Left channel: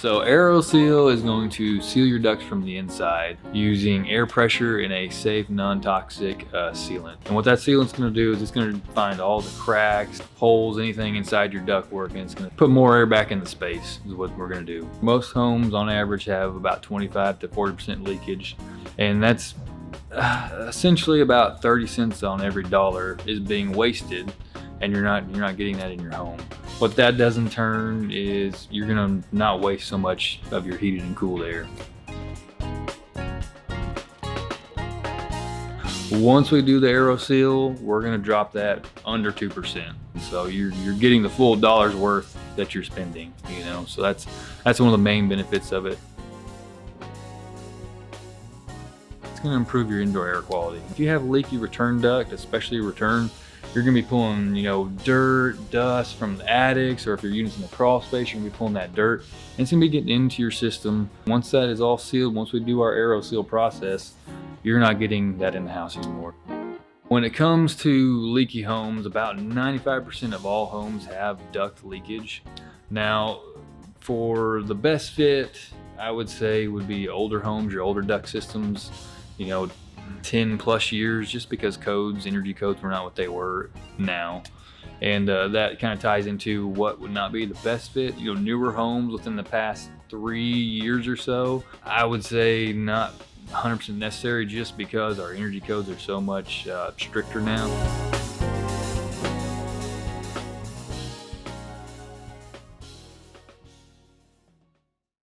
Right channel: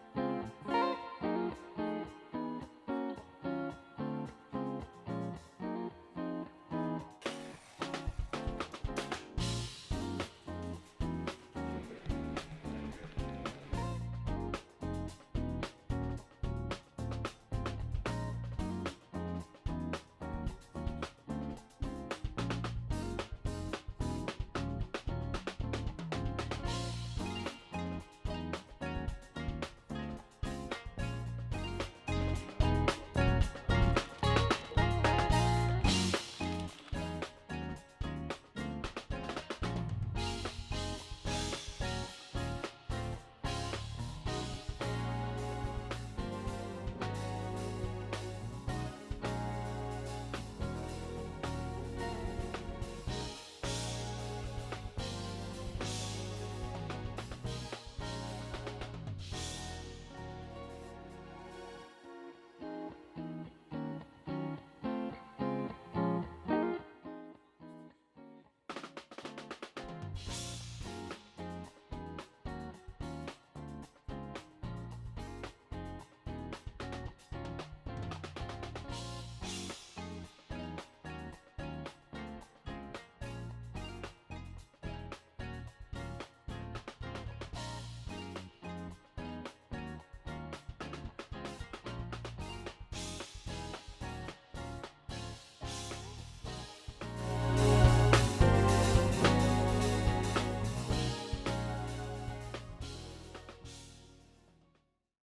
So AeroSeal is going to seal your ducts from the inside using air pressure in a safe, non-toxic sealant. And what that sealant's going to do is it's going to find all the cracks, holes, anything inside your ductwork, and it's going to put more air back in the space is what we're going to do. Most homes on average have about 25 to 40% leakage, and that's essentially about 30 cents on every dollar is being wasted, and you're not getting that in your home. What that does in turn is you're gonna not waste so much of your heated and cooled air. Once we do the AeroSeal, we're gonna drop that under 2%. So you're getting the full dollar's worth that you're spending, So that's one of the main benefits of it. It's gonna improve your indoor air quality. If you have a leaky return duct, especially return, you're gonna be pulling, dirt, dust from the attics, or if you're using the crawl space, you're gonna be pulling that dirt, and it's gonna be getting into your system. Once that is all sealed, once we do our AeroSeal process, you're not getting that in the house anymore. When it comes to leaky homes, about 95% of all homes have duct leakage. Now, for the best fit, I would say would be older homes, your older duct systems, 10 plus years, just because energy codes were not what they were now. And that kind of ties into what would not be the best fit. Newer homes within the past 3 years or so, I would say not 100% necessary, just because our energy codes are so much stricter now.